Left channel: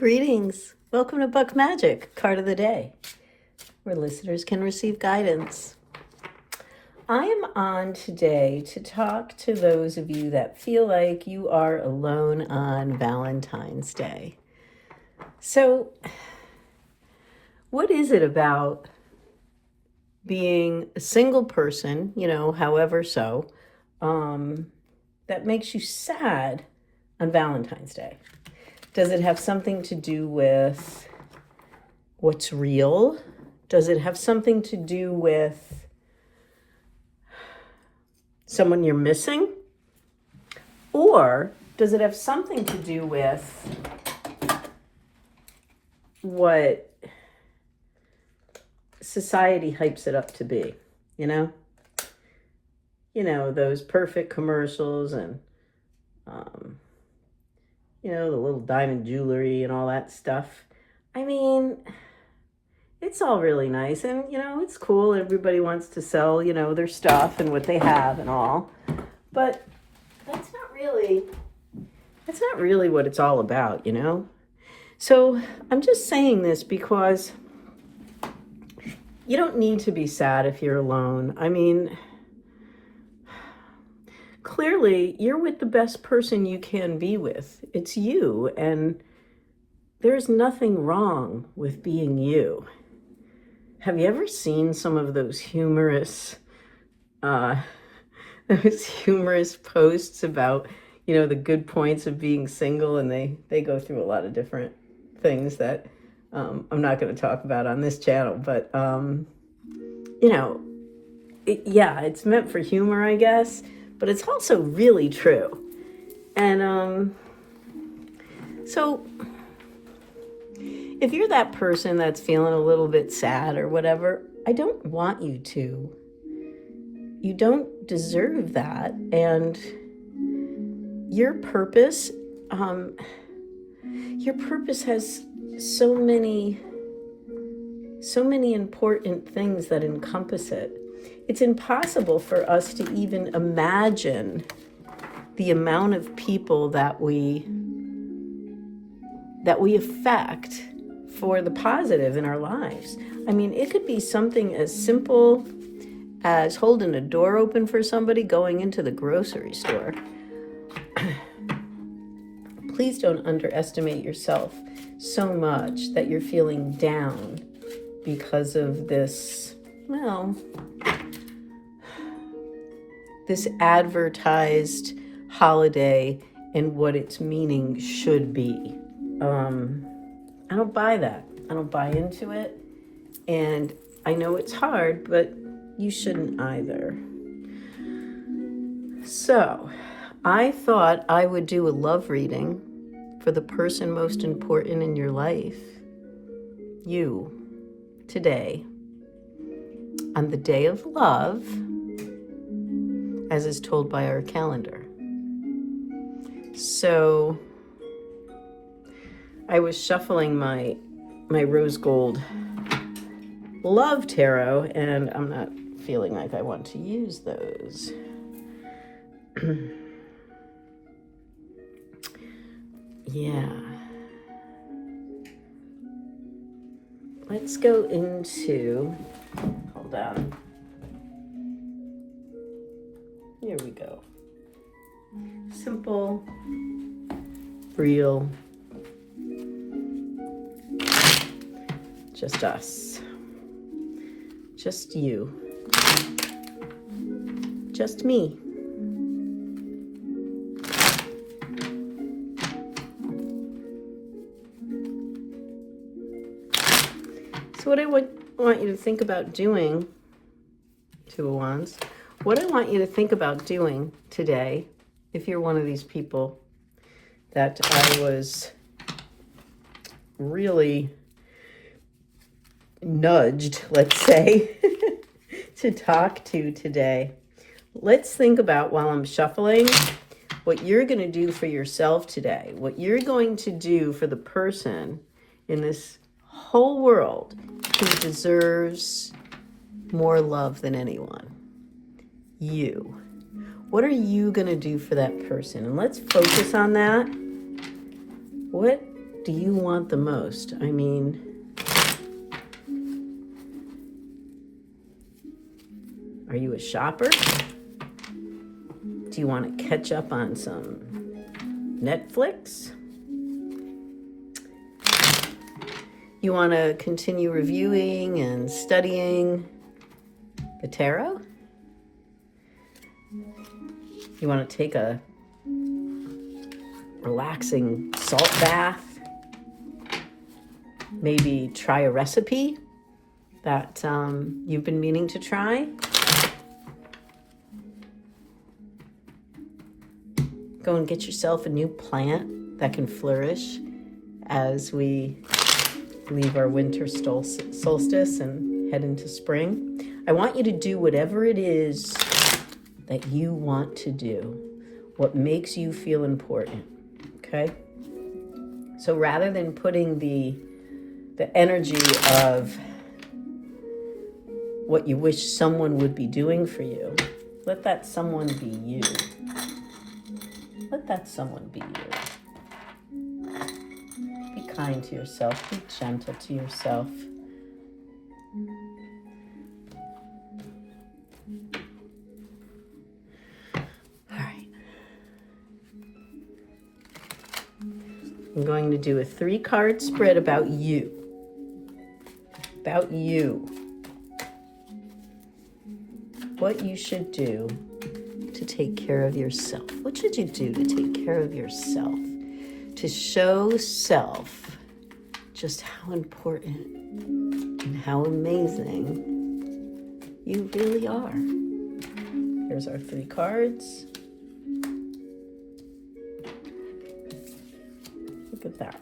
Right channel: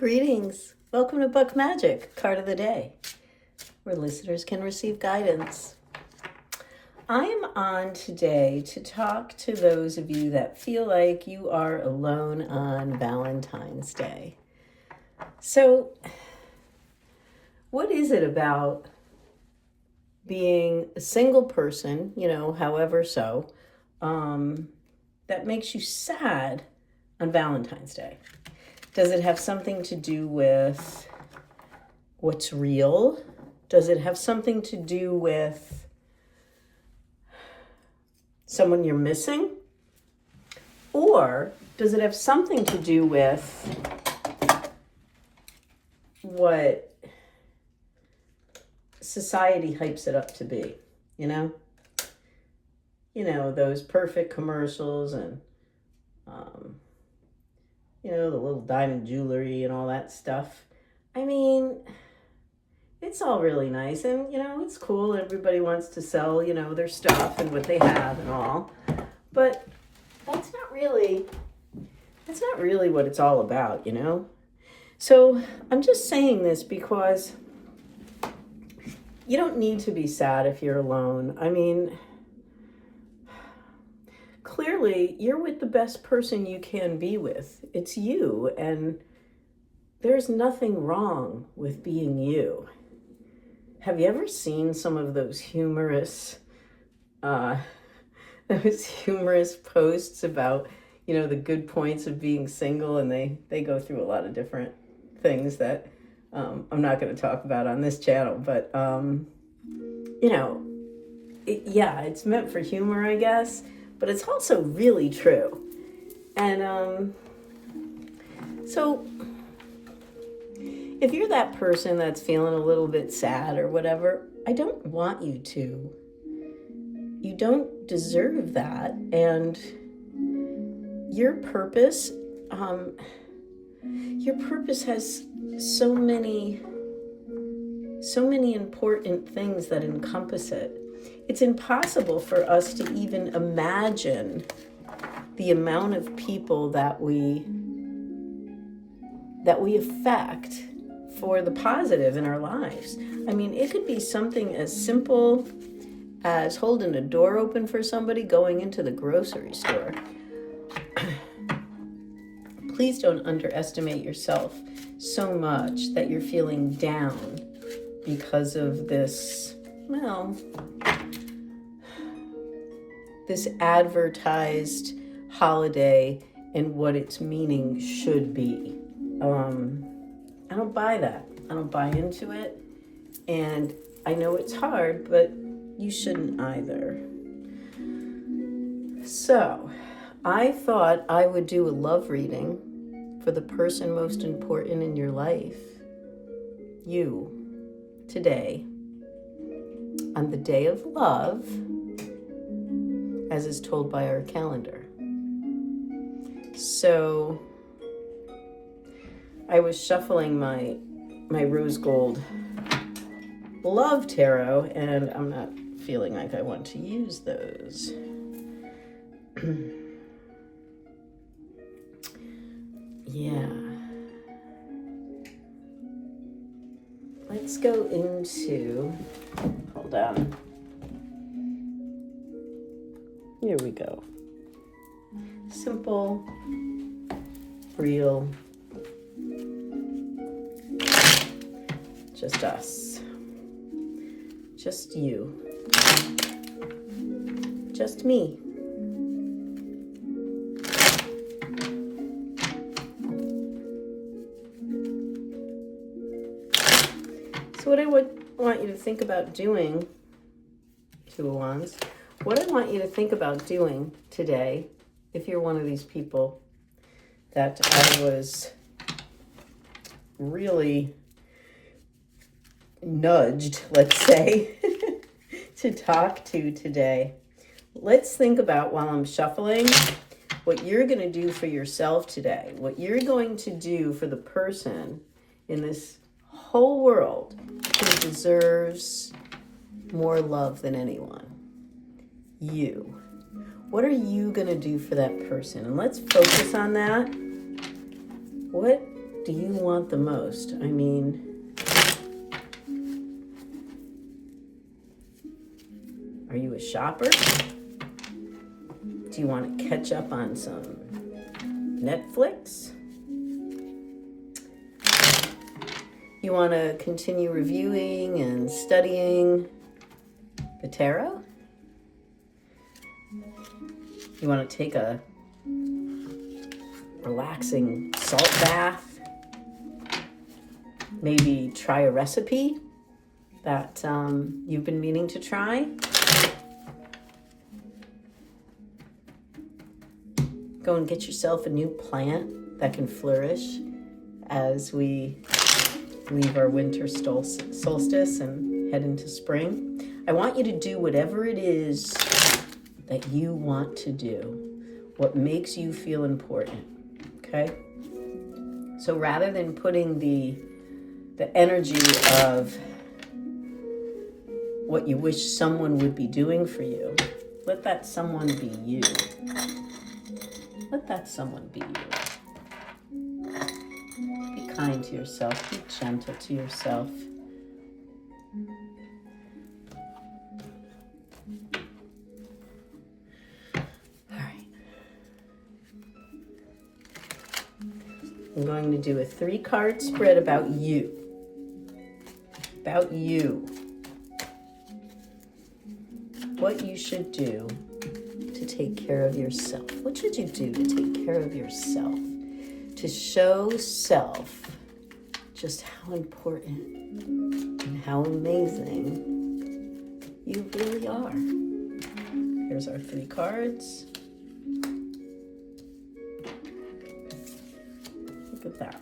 Greetings. Welcome to Buckmagick, Card of the Day, where listeners can receive guidance. I am on today to talk to those of you that feel like you are alone on Valentine's Day. So, what is it about being a single person, however so, that makes you sad on Valentine's Day? Does it have something to do with what's real? Does it have something to do with someone you're missing? Or does it have something to do with what society hypes it up to be, those perfect commercials and, the little diamond jewelry and all that stuff. I mean, it's all really nice and, it's cool. Everybody wants to sell, their stuff and what they have and all. But that's not really what it's all about, So I'm just saying this because you don't need to be sad if you're alone. I mean, clearly you're with the best person you can be with. It's you, and there's nothing wrong with being you. Have you ever seen some of those humorous posts about, the good points of being single, and they go through a lot of different things that I'm not going to talk about on this channel, but it's meant for humor, I guess, but it's also really true. And so if you're that person that's feeling a little bit sad or whatever, I don't want you to. You don't deserve that. And your purpose has so many important things that encompass it. It's impossible for us to even imagine the amount of people that we affect for the positive in our lives. I mean, it could be something as simple as holding a door open for somebody going into the grocery store. Please don't underestimate yourself so much that you're feeling down because of this, this advertised holiday and what its meaning should be. I don't buy that. I don't buy into it. And I know it's hard, but you shouldn't either. So, I thought I would do a love reading for the person most important in your life, you, today, on the day of love, as is told by our calendar. So I was shuffling my rose gold love tarot, and I'm not feeling like I want to use those. Yeah. Let's go into, hold on. Here we go. Simple, real, just us, just you, just me. So what I want you to think about doing, Two of Wands, what I want you to think about doing today, if you're one of these people that I was really nudged, let's say, to talk to today. Let's think about, while I'm shuffling, what you're going to do for yourself today, what you're going to do for the person in this whole world who deserves more love than anyone. You. What are you going to do for that person? And let's focus on that. What do you want the most? I mean, are you a shopper? Do you want to catch up on some Netflix? You want to continue reviewing and studying the tarot? You want to take a relaxing salt bath? Maybe try a recipe that you've been meaning to try? Go and get yourself a new plant that can flourish as we leave our winter solstice and head into spring. I want you to do whatever it is that you want to do, what makes you feel important, okay? So rather than putting the energy of what you wish someone would be doing for you, let that someone be you. Let that someone be you. Be kind to yourself. Be gentle to yourself. All right. I'm going to do a 3-card spread about you. About you. What you should do to take care of yourself. What should you do to take care of yourself? To show self just how important and how amazing you really are. Here's our 3 cards. Look at that.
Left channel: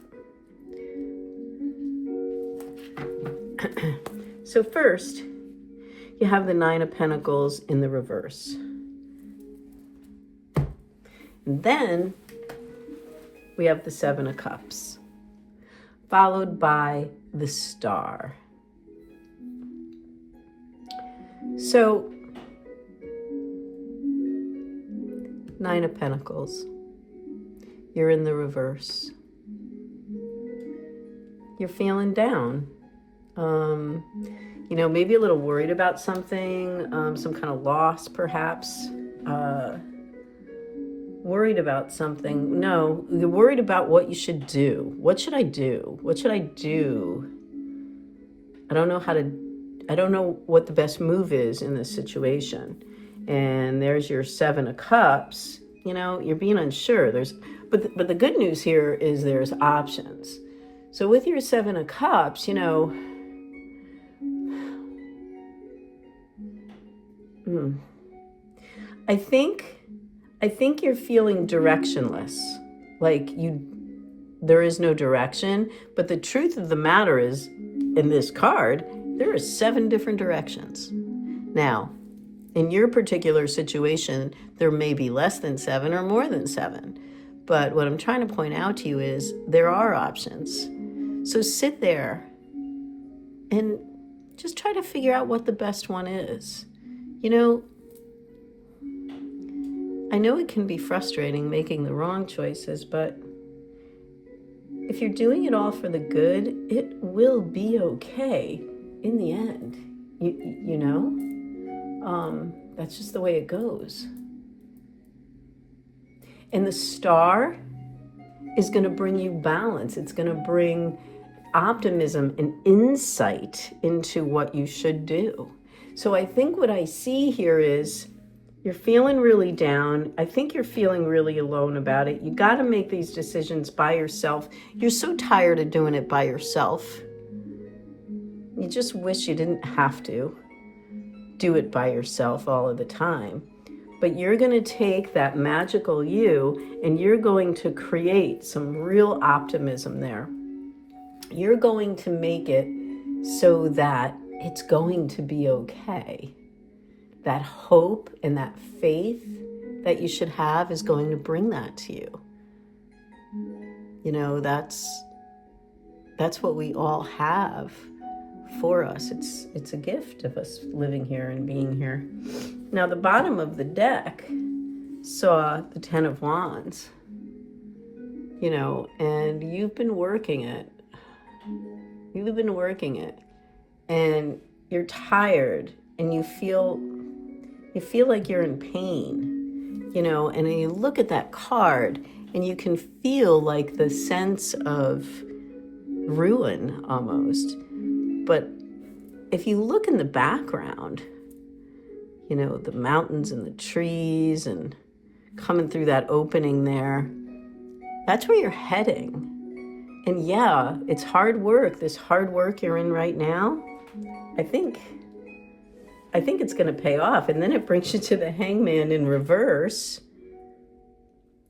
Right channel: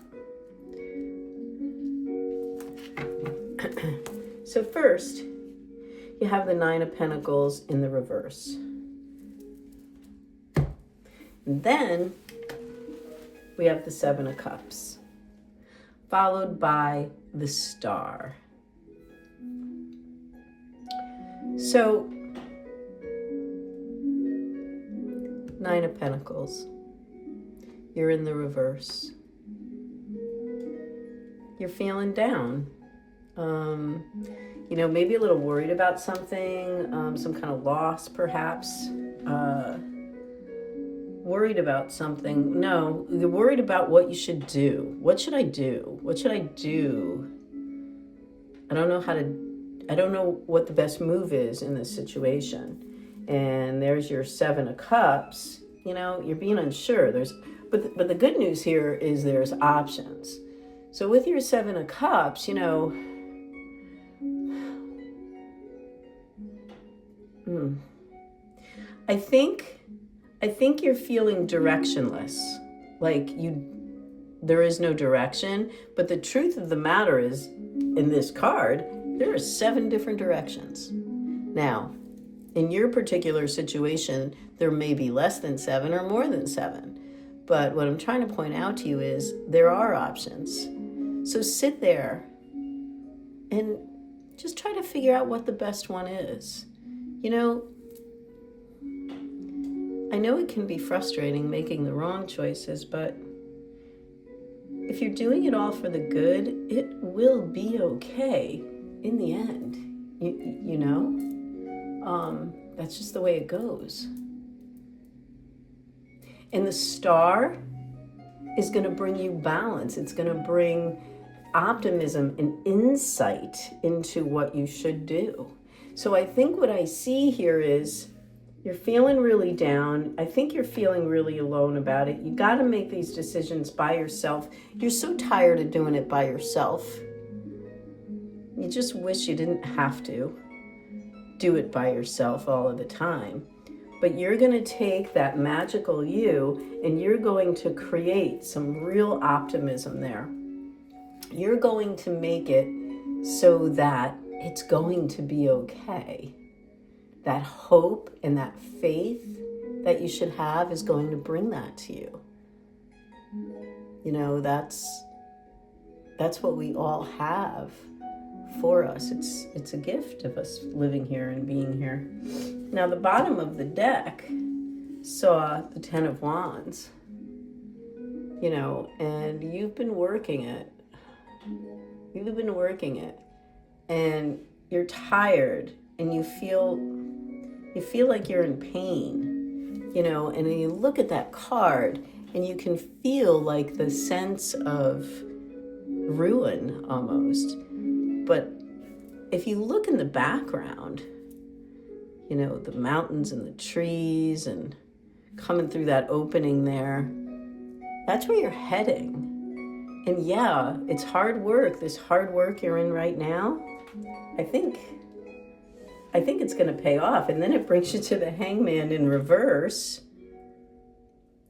So first, you have the 9 of Pentacles in the reverse. And then we have the 7 of Cups, followed by the Star. So, 9 of Pentacles, you're in the reverse. You're feeling down. You know, maybe a little worried about something, some kind of loss perhaps. Worried about something. No, you're worried about what you should do. What should I do? What should I do? I don't know what the best move is in this situation. And there's your 7 of Cups. You know, you're being unsure. But the good news here is there's options. So with your 7 of Cups, you know, I think you're feeling directionless, like there is no direction. But the truth of the matter is, in this card, there are 7 different directions. Now, in your particular situation, there may be less than 7 or more than 7. But what I'm trying to point out to you is there are options. So sit there and just try to figure out what the best one is. You know, I know it can be frustrating making the wrong choices, but if you're doing it all for the good, it will be okay in the end. You know, that's just the way it goes. And the Star is going to bring you balance. It's going to bring optimism and insight into what you should do. So I think what I see here is you're feeling really down. I think you're feeling really alone about it. You got to make these decisions by yourself. You're so tired of doing it by yourself. You just wish you didn't have to do it by yourself all of the time. But you're going to take that magical you and you're going to create some real optimism there. You're going to make it so that it's going to be okay. That hope and that faith that you should have is going to bring that to you. You know, that's what we all have for us. It's a gift of us living here and being here. Now, the bottom of the deck saw the 10 of Wands. and you've been working it. You've been working it, and you're tired, and you feel like you're in pain, and then you look at that card, and you can feel like the sense of ruin almost. But if you look in the background, the mountains and the trees and coming through that opening there, that's where you're heading. And yeah, it's hard work. This hard work you're in right now, I think it's going to pay off. And then it brings you to the Hangman in reverse.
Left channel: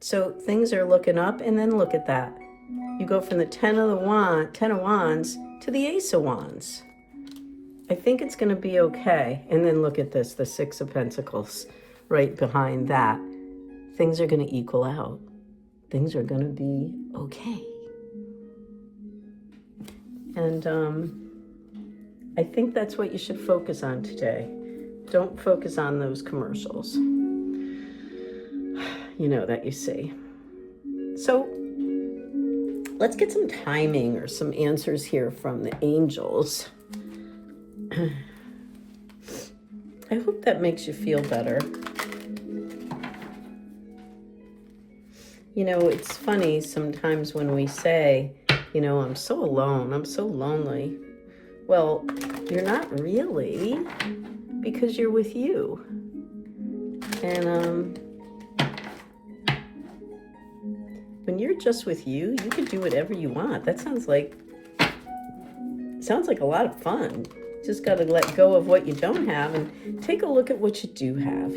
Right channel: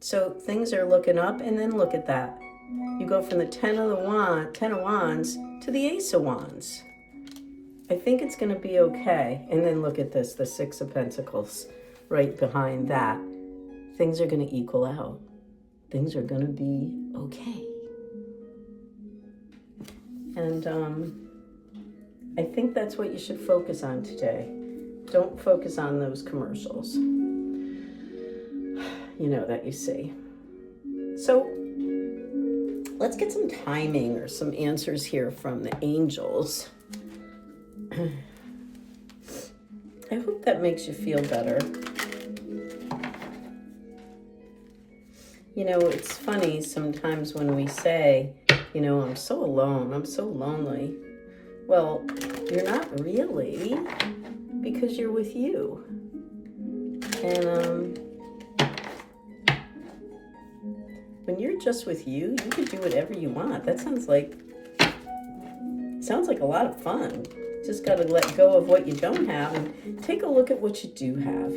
So things are looking up, and then look at that. You go from the Ten of Wands to the Ace of Wands. I think it's going to be okay. And then look at this, the Six of Pentacles right behind that. Things are going to equal out. Things are going to be okay. And I think that's what you should focus on today. Don't focus on those commercials, that you see. So let's get some timing or some answers here from the angels. I hope that makes you feel better. It's funny sometimes when we say, I'm so alone, I'm so lonely. Well, you're not really, because you're with you. And when you're just with you, you can do whatever you want. That sounds like a lot of fun. Just got to let go of what you don't have and take a look at what you do have,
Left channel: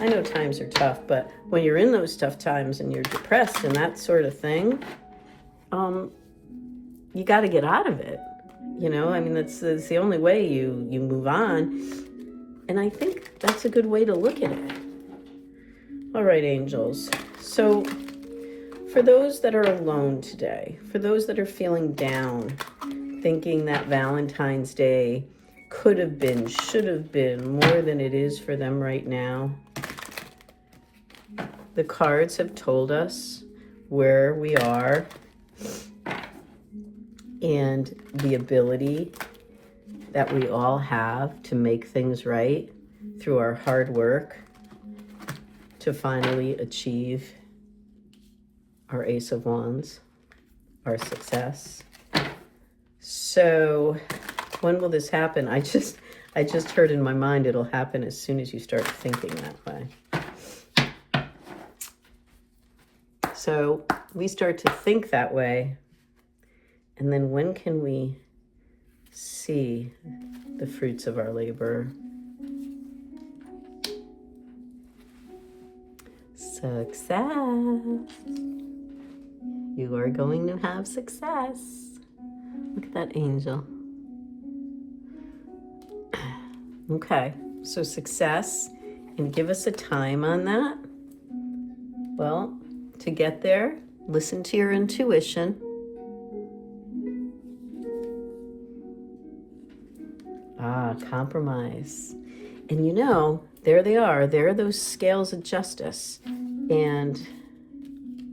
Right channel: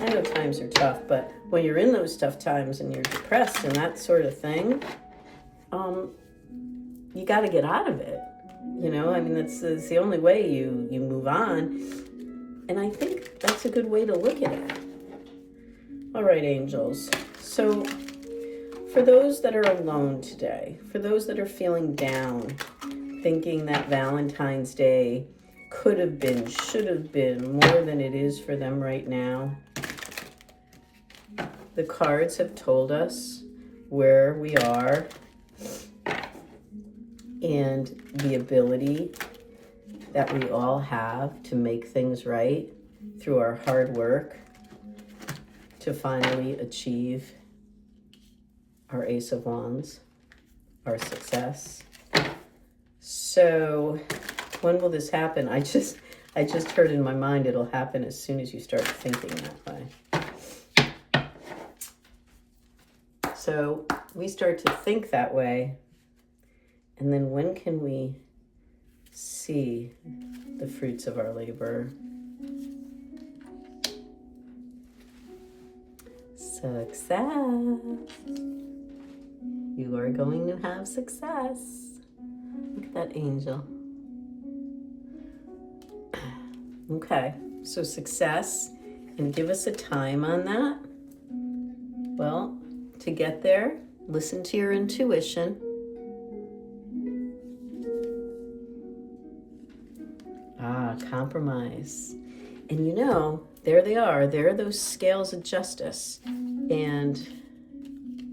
I know times are tough, but when you're in those tough times and you're depressed and that sort of thing, you got to get out of it. That's the only way you move on. And I think that's a good way to look at it. All right, angels. So for those that are alone today, for those that are feeling down, thinking that Valentine's Day could have been, should have been more than it is for them right now, the cards have told us where we are and the ability that we all have to make things right through our hard work to finally achieve our Ace of Wands, our success. So when will this happen? I just heard in my mind it'll happen as soon as you start thinking that way. So we start to think that way, and then when can we see the fruits of our labor? Success. You are going to have success. Look at that angel. Okay, so success, and give us a time on that. Well, to get there, listen to your intuition. Compromise. And there they are. There are those scales of justice. And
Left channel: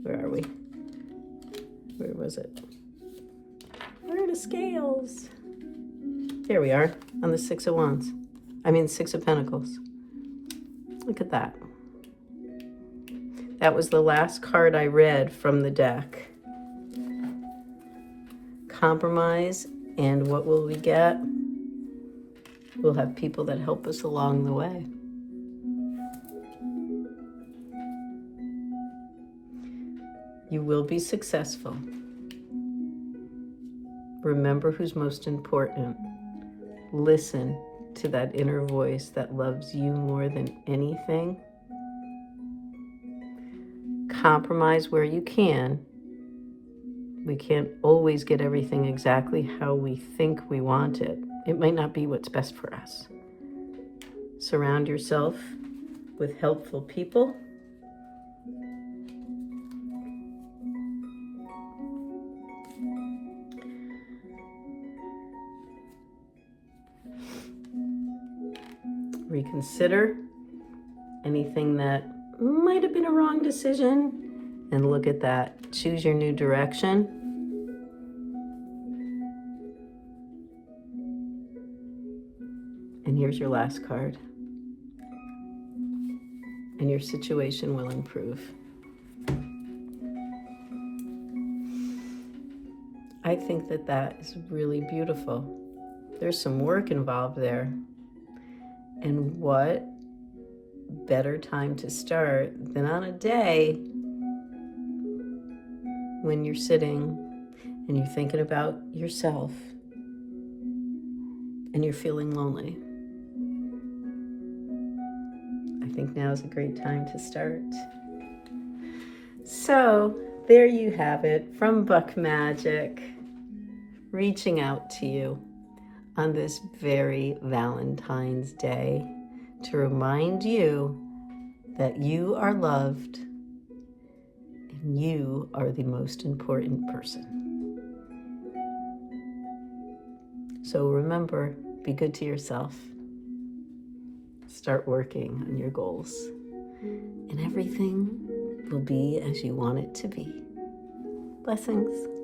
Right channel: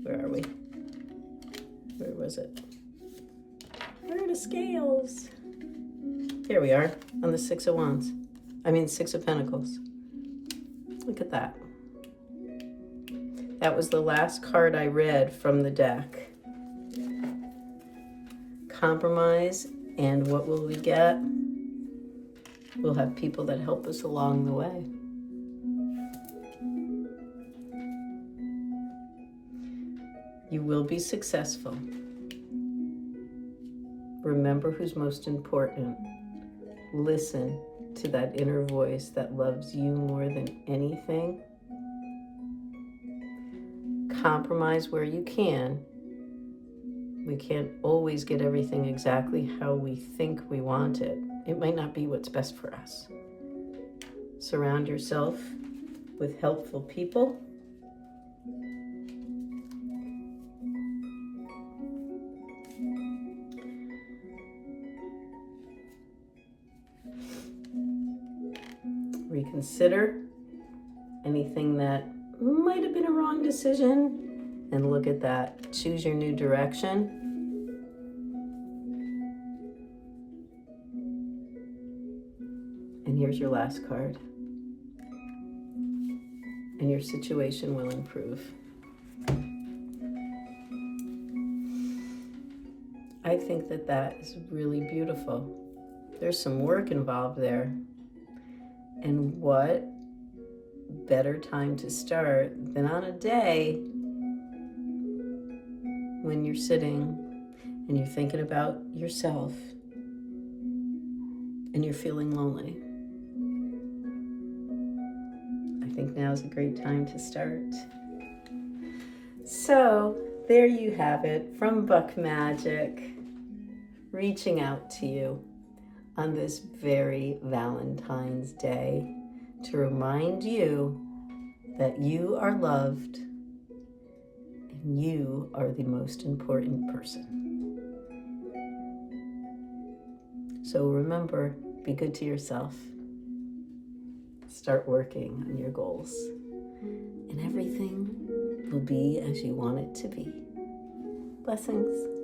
where are we? Where was it? Where are the scales? Here we are on the Six of Pentacles. Look at that. That was the last card I read from the deck. Compromise, and what will we get? We'll have people that help us along the way. You will be successful. Remember who's most important. Listen to that inner voice that loves you more than anything. Compromise where you can. We can't always get everything exactly how we think we want it. It might not be what's best for us. Surround yourself with helpful people. Reconsider anything that might have been a wrong decision, and look at that. Choose your new direction. And here's your last card. And your situation will improve. I think that that is really beautiful. There's some work involved there. And what better time to start than on a day when you're sitting and you're thinking about yourself and you're feeling lonely. I think now's a great time to start. So there you have it from Buckmagick, reaching out to you on this very Valentine's Day to remind you that you are loved and you are the most important person. So remember, be good to yourself. Start working on your goals, and everything will be as you want it to be. Blessings.